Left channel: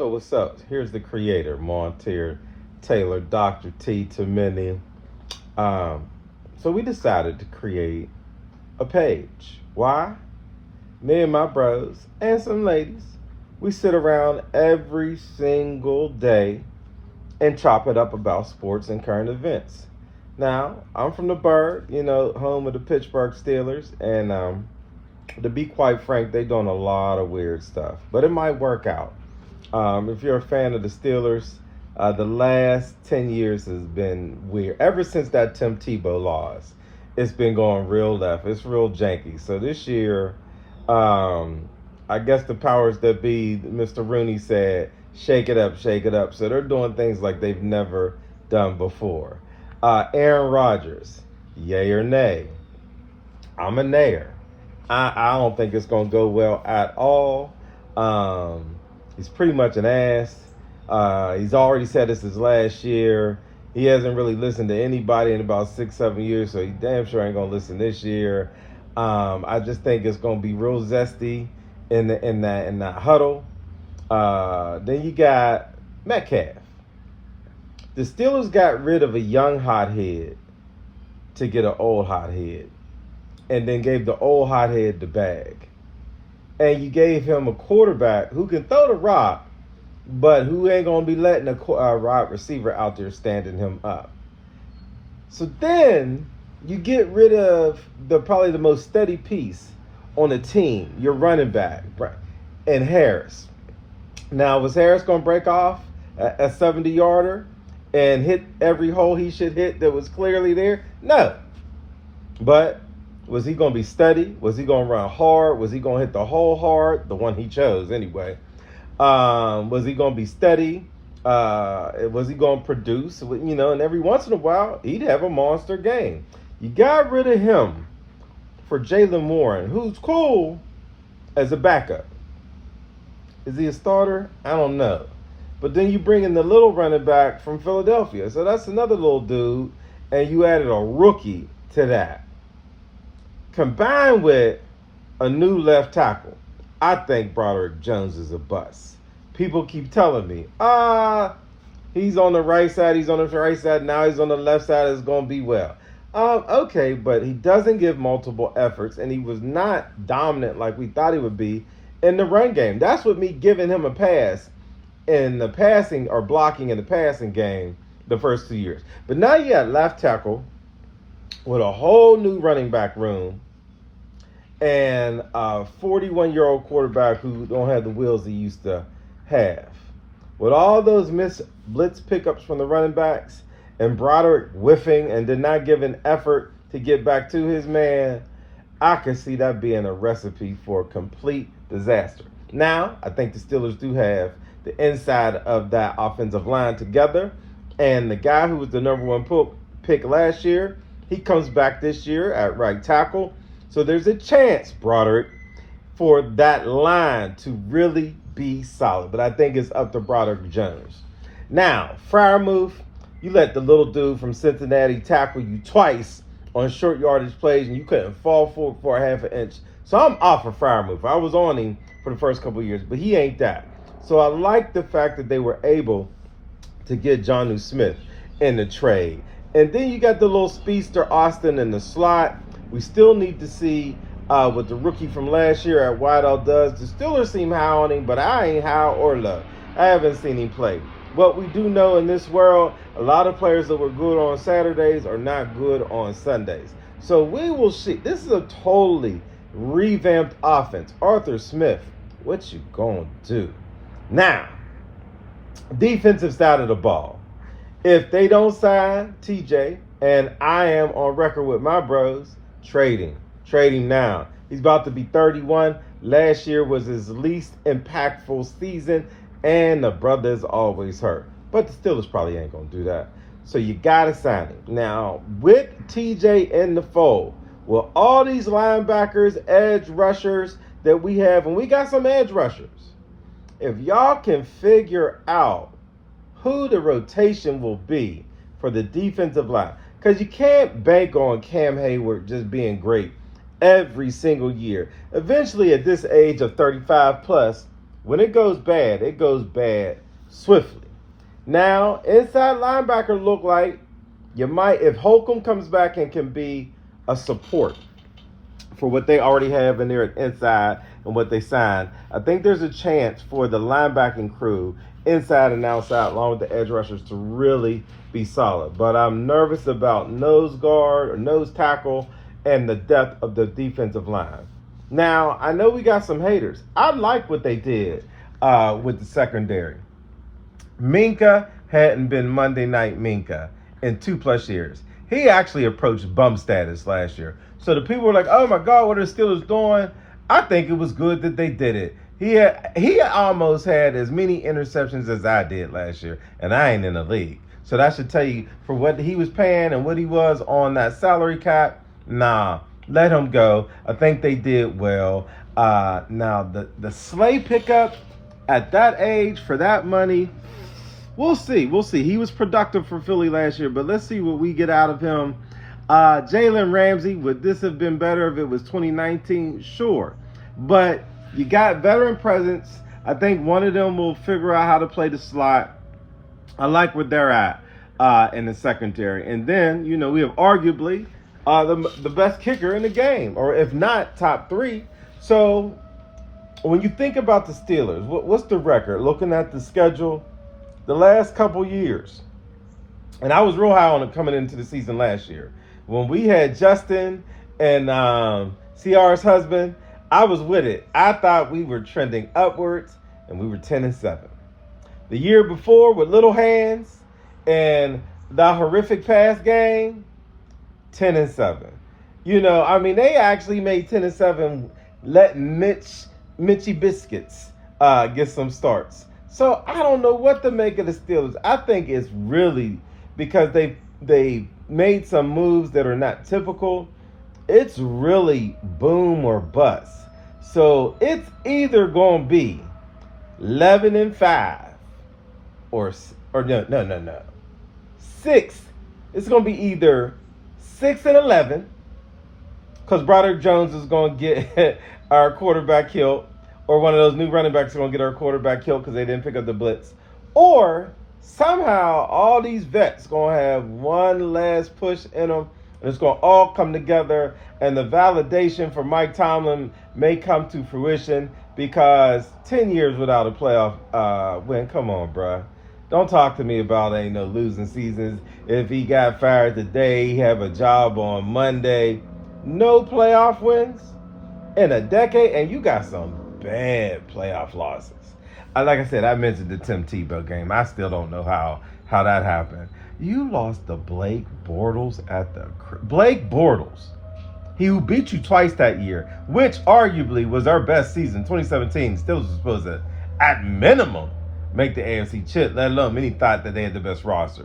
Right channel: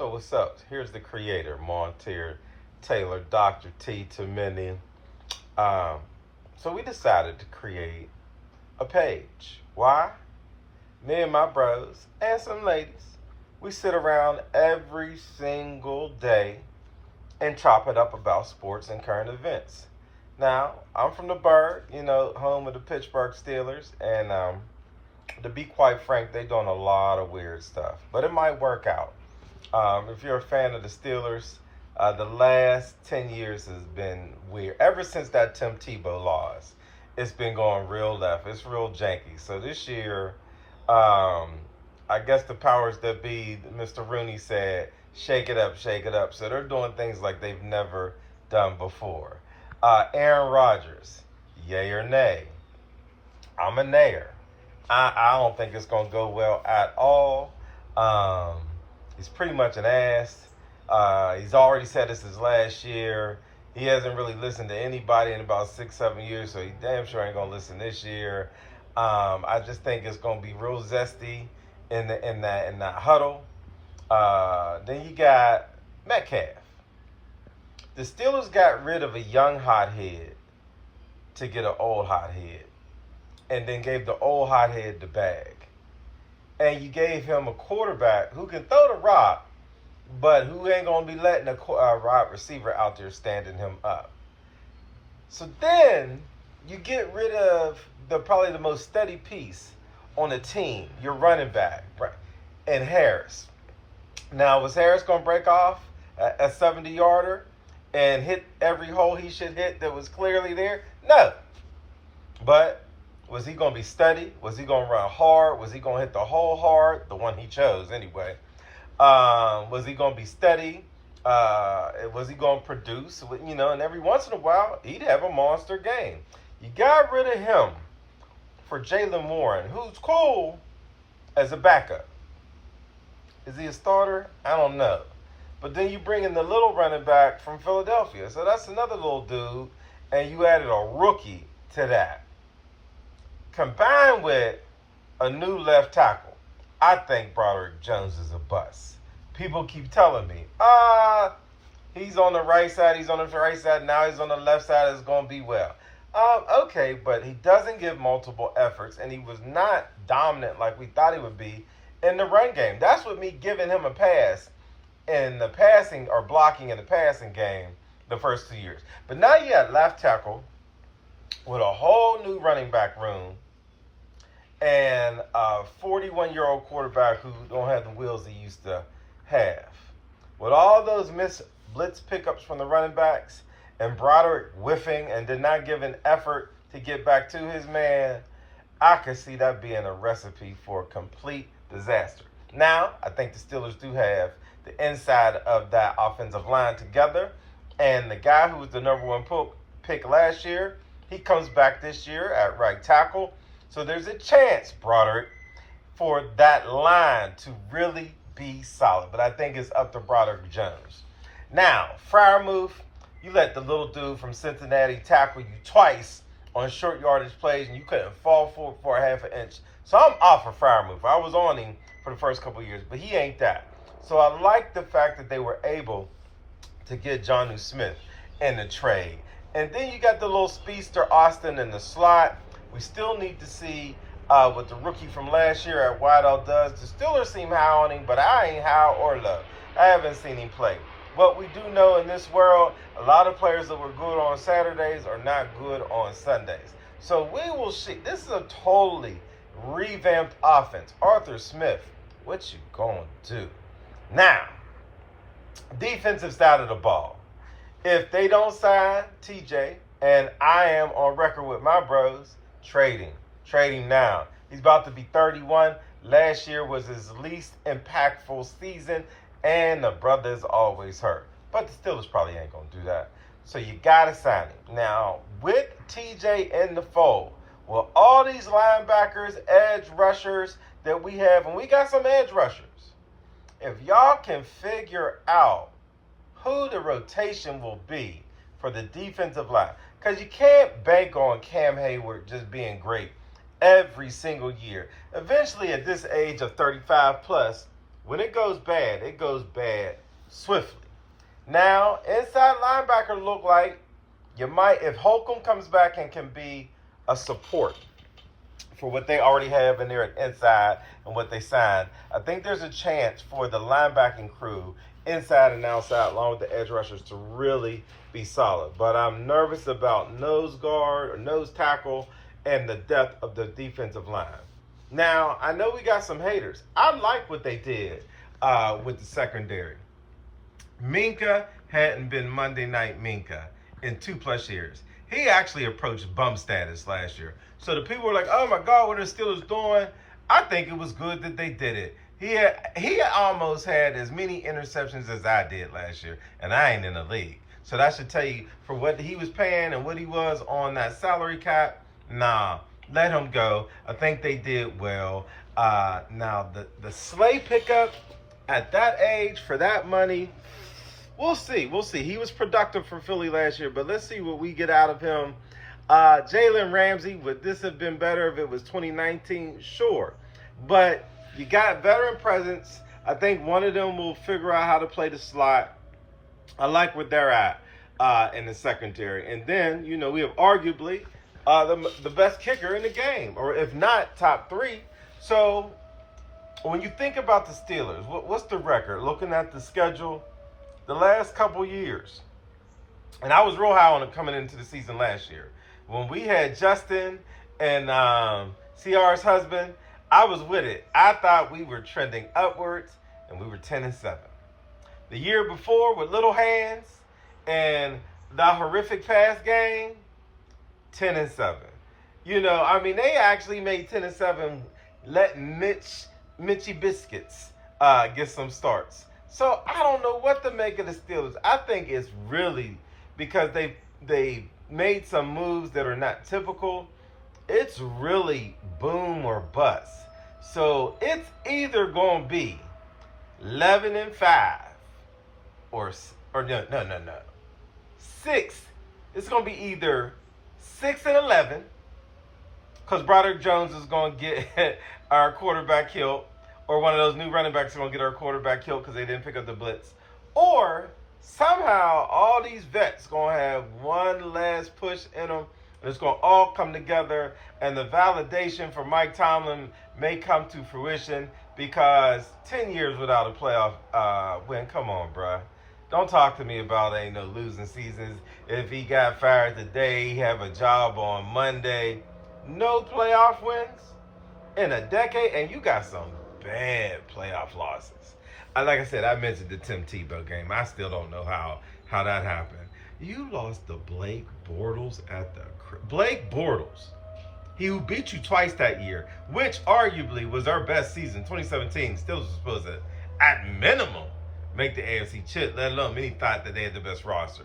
So what's up? Here's the creator, Montier Taylor, Dr. T to many. Um, so we decided to create a page. Why? Me and my bros and some ladies, we sit around every single day and chop it up about sports and current events. Now, I'm from the Bird, home of the Pittsburgh Steelers, and to be quite frank, they're doing a lot of weird stuff, but it might work out. If you're a fan of the Steelers, the last 10 years has been weird. Ever since that Tim Tebow loss, it's been going real left. It's real janky. So this year, I guess the powers that be, Mr. Rooney said, shake it up, shake it up. So they're doing things like they've never done before. Aaron Rodgers, yay or nay? I'm a nayer. I don't think it's going to go well at all. He's pretty much an ass. He's already said this is last year. He hasn't really listened to anybody in about 6-7 years, so he damn sure ain't going to listen this year. I just think it's going to be real zesty in that huddle. Then you got Metcalf. The Steelers got rid of a young hothead to get an old hothead, and then gave the old hothead the bag. And you gave him a quarterback who can throw the rock, but who ain't going to be letting a wide receiver out there standing him up. So then you get rid of probably the most steady piece on the team, your running back, and Harris. Now, was Harris going to break off a 70-yarder and hit every hole he should hit that was clearly there? No. But was he going to be steady? Was he going to run hard? Was he going to hit the hole hard? The one he chose anyway. Was he going to be steady? Was he going to produce? And every once in a while, he'd have a monster game. You got rid of him for Jaylen Warren, who's cool as a backup. Is he a starter? I don't know. But then you bring in the little running back from Philadelphia. So that's another little dude. And you added a rookie to that. Combined with a new left tackle, I think Broderick Jones is a bust. People keep telling me, he's on the right side, now he's on the left side, it's going to be well. Okay, but he doesn't give multiple efforts, and he was not dominant like we thought he would be in the run game. That's what me giving him a pass in the passing or blocking in the passing game the first 2 years. But now you got left tackle with a whole new running back room and a 41-year-old quarterback who don't have the wheels he used to have. With all those missed blitz pickups from the running backs and Broderick whiffing and did not give an effort to get back to his man, I can see that being a recipe for complete disaster. Now, I think the Steelers do have the inside of that offensive line together, and the guy who was the number one pick last year, he comes back this year at right tackle. So there's a chance, Broderick, for that line to really be solid. But I think it's up to Broderick Jones. Now, Freiermuth, you let the little dude from Cincinnati tackle you twice on short yardage plays, and you couldn't fall for a half an inch. So I'm off of Freiermuth. I was on him for the first couple of years, but he ain't that. So I like the fact that they were able to get Jonnu Smith in the trade. And then you got the little speedster Austin in the slot. We still need to see what the rookie from last year at Wideout does. The Steelers seem high on him, but I ain't high or low. I haven't seen him play. What we do know in this world, a lot of players that were good on Saturdays are not good on Sundays. So we will see. This is a totally revamped offense. Arthur Smith, what you gonna do? Now, defensive side of the ball. If they don't sign TJ, and I am on record with my bros, trading now. He's about to be 31. Last year was his least impactful season, and the brother's always hurt. But the Steelers probably ain't going to do that. So you got to sign him. Now, with TJ in the fold, with all these linebackers, edge rushers that we have, and we got some edge rushers, if y'all can figure out who the rotation will be for the defensive line, because you can't bank on Cam Hayward just being great every single year. Eventually, at this age of 35 plus, When it goes bad swiftly. Now, inside linebacker look like you might, if Holcomb comes back and can be a support for what they already have in there inside and what they signed, I think there's a chance for the linebacking crew inside and outside, along with the edge rushers, to really be solid. But I'm nervous about nose guard or nose tackle and the depth of the defensive line. Now, I know we got some haters. I like what they did with the secondary. Minkah hadn't been Monday Night Minkah in 2+ years. He actually approached bum status last year. So the people were like, oh my God, what are the Steelers doing? I think it was good that they did it. He almost had as many interceptions as I did last year, and I ain't in the league. So that should tell you, for what he was paying and what he was on that salary cap, nah, let him go. I think they did well. Now, the Slay pickup at that age for that money, we'll see. We'll see. He was productive for Philly last year, but let's see what we get out of him. Jalen Ramsey, would this have been better if it was 2019? Sure. But you got veteran presence. I think one of them will figure out how to play the slot. I like what they're at in the secondary. And then, we have arguably the best kicker in the game, or if not, top 3. So when you think about the Steelers, what's the record? Looking at the schedule, the last couple years, and I was real high on it coming into the season last year. When we had Justin and CR's husband, I was with it. I thought we were trending upwards, and we were 10-7. The year before, with little hands and the horrific pass game, 10-7. They actually made 10-7. Let Mitchy Biscuits get some starts. So I don't know what to make of the Steelers. I think it's really because they made some moves that are not typical. It's really boom or bust. So it's either going to be 11-5 or no. 6. It's going to be either 6-11 because Broderick Jones is going to get our quarterback killed, or one of those new running backs is going to get our quarterback killed because they didn't pick up the blitz, or somehow all these vets going to have one last push in them, and it's going to all come together, and the validation for Mike Tomlin may come to fruition, because 10 years without a playoff win, come on, bruh. Don't talk to me about ain't no losing seasons. If he got fired today, he have a job on Monday. No playoff wins in a decade, and you got some bad playoff losses. Like I said, I mentioned the Tim Tebow game. I still don't know how that happened. You lost to Blake Bortles Blake Bortles. He who beat you twice that year, which arguably was our best season, 2017. Still was supposed to, at minimum, make the AFC chip, let alone many thought that they had the best roster.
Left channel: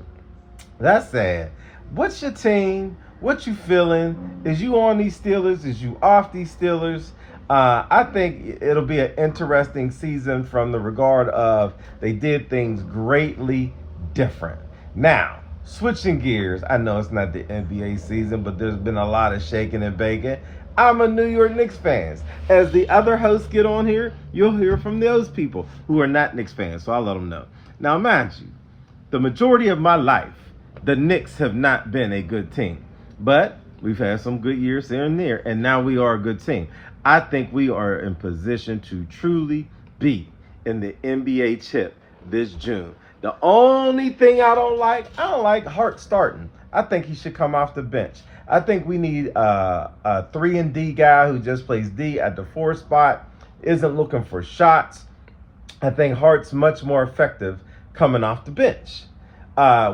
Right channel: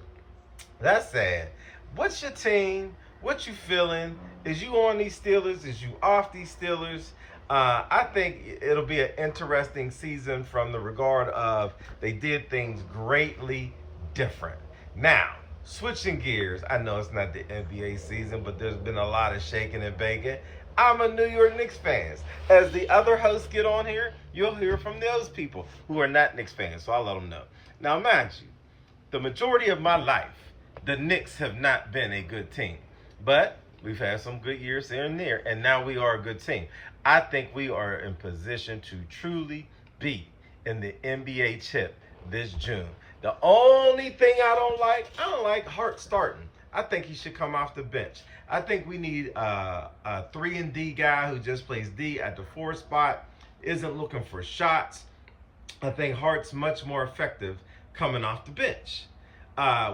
That's sad. What's your team? What you feeling? Is you on these Steelers? Is you off these Steelers? I think it'll be an interesting season from the regard of they did things greatly different. Now, switching gears, I know it's not the NBA season, but there's been a lot of shaking and baking. I'm a New York Knicks fan. As the other hosts get on here, you'll hear from those people who are not Knicks fans, so I'll let them know. Now, mind you, the majority of my life, the Knicks have not been a good team. But we've had some good years here and there, and now we are a good team. I think we are in position to truly be in the NBA chip this June. The only thing I don't like Hart starting. I think he should come off the bench. I think we need a 3-and-D guy who just plays D at the 4 spot, isn't looking for shots. I think Hart's much more effective coming off the bench.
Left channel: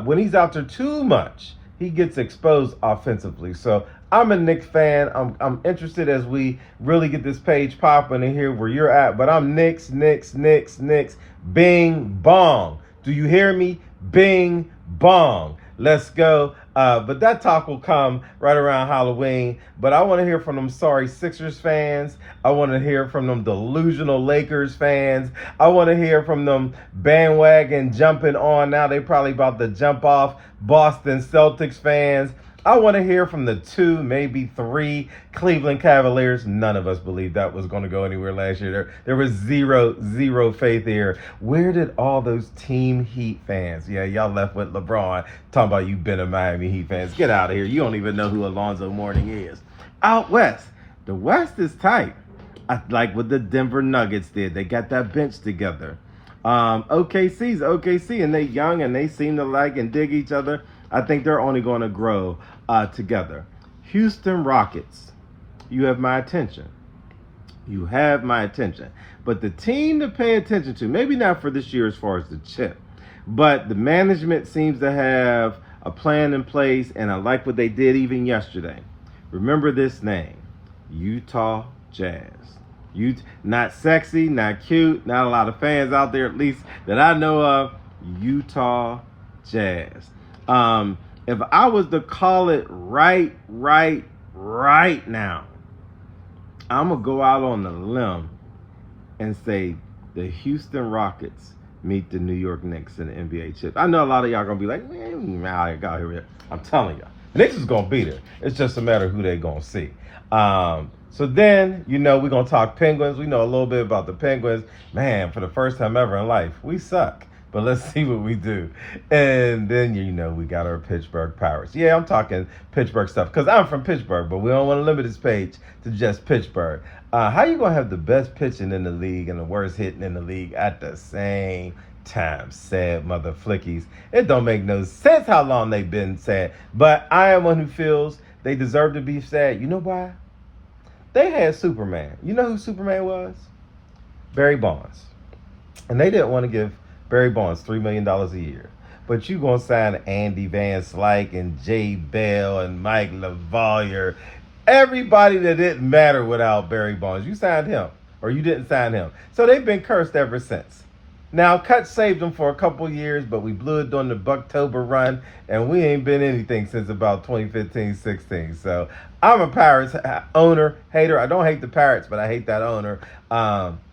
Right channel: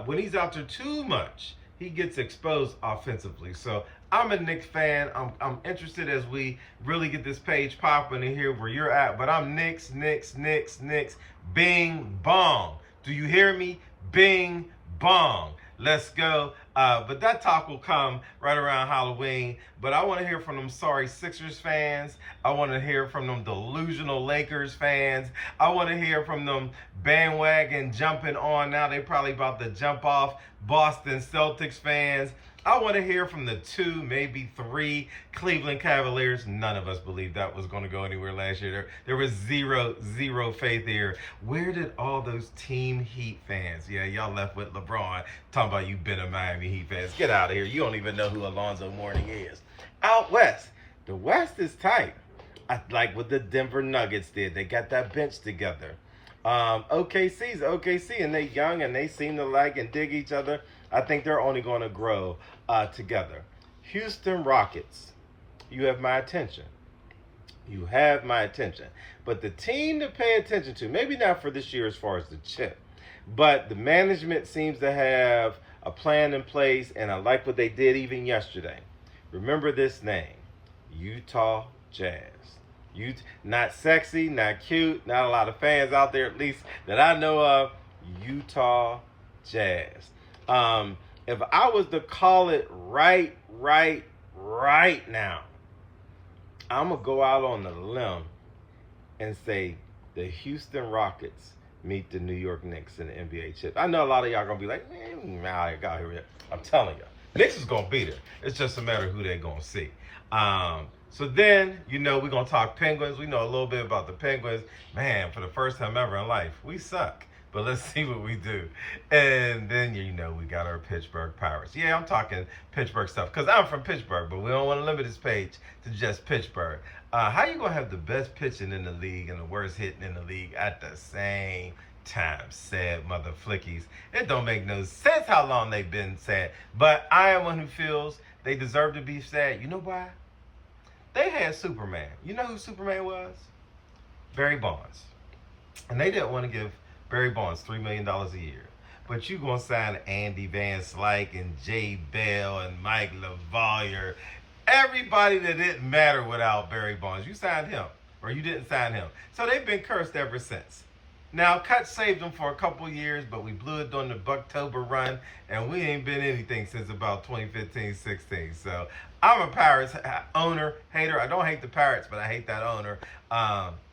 When he's out there too much, he gets exposed offensively. So I'm a Knicks fan. I'm interested as we really get this page popping and hear where you're at. But I'm Knicks. Bing, bong. Do you hear me? Bing, bong. Let's go. But that talk will come right around Halloween. But I want to hear from them sorry Sixers fans. I want to hear from them delusional Lakers fans. I want to hear from them bandwagon jumping on. Now they probably about to jump off Boston Celtics fans. I want to hear from the 2, maybe 3 Cleveland Cavaliers. None of us believed that was going to go anywhere last year. There was zero faith here. Where did all those Team Heat fans? Yeah, y'all left with LeBron talking about you been a Miami Heat fans. Get out of here. You don't even know who Alonzo Mourning is. Out west, the West is tight. I like what the Denver Nuggets did. They got that bench together. OKC's OKC, and they young and they seem to like and dig each other. I think they're only going to grow together. Houston Rockets, you have my attention. You have my attention. But the team to pay attention to, maybe not for this year as far as the chip, but the management seems to have a plan in place, and I like what they did even yesterday. Remember this name, Utah Jazz. Not sexy, not cute, not a lot of fans out there, at least that I know of. Utah Jazz. If I was to call it right now, I'm going to go out on a limb and say the Houston Rockets meet the New York Knicks in the NBA chip. I know a lot of y'all going to be like, man, I got here. I'm telling you, Knicks is going to beat it. It's just a matter of who they're going to see. So then, we're going to talk Penguins. We know a little bit about the Penguins. Man, for the first time ever in life, we suck. But let's see what we do. And then, we got our Pittsburgh Pirates. Yeah, I'm talking Pittsburgh stuff because I'm from Pittsburgh, but we don't want to limit this page to just Pittsburgh. How you going to have the best pitching in the league and the worst hitting in the league at the same time? Sad mother flickies. It don't make no sense how long they've been sad. But I am one who feels they deserve to be sad. You know why? They had Superman. You know who Superman was? Barry Bonds. And they didn't want to give Barry Bonds $3 million a year. But you going to sign Andy Van Slyke and Jay Bell and Mike LaValliere. Everybody that didn't matter without Barry Bonds. You signed him or you didn't sign him. So they've been cursed ever since. Now, Cut saved them for a couple years, but we blew it during the Bucktober run, and we ain't been anything since about 2015-16. So I'm a Pirates owner, hater. I don't hate the Pirates, but I hate that owner.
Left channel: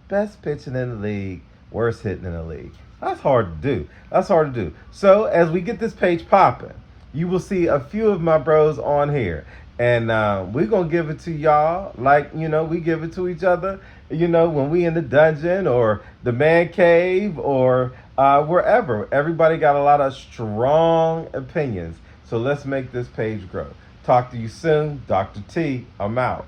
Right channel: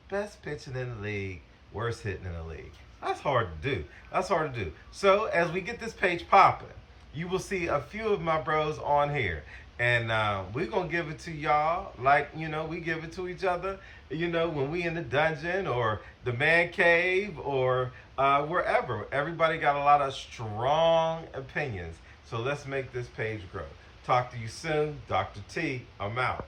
Best pitching in the league, worst hitting in the league. That's hard to do. So as we get this page popping, you will see a few of my bros on here. And we're going to give it to y'all like, we give it to each other, when we in the dungeon or the man cave or wherever. Everybody got a lot of strong opinions. So let's make this page grow. Talk to you soon. Dr. T, I'm out.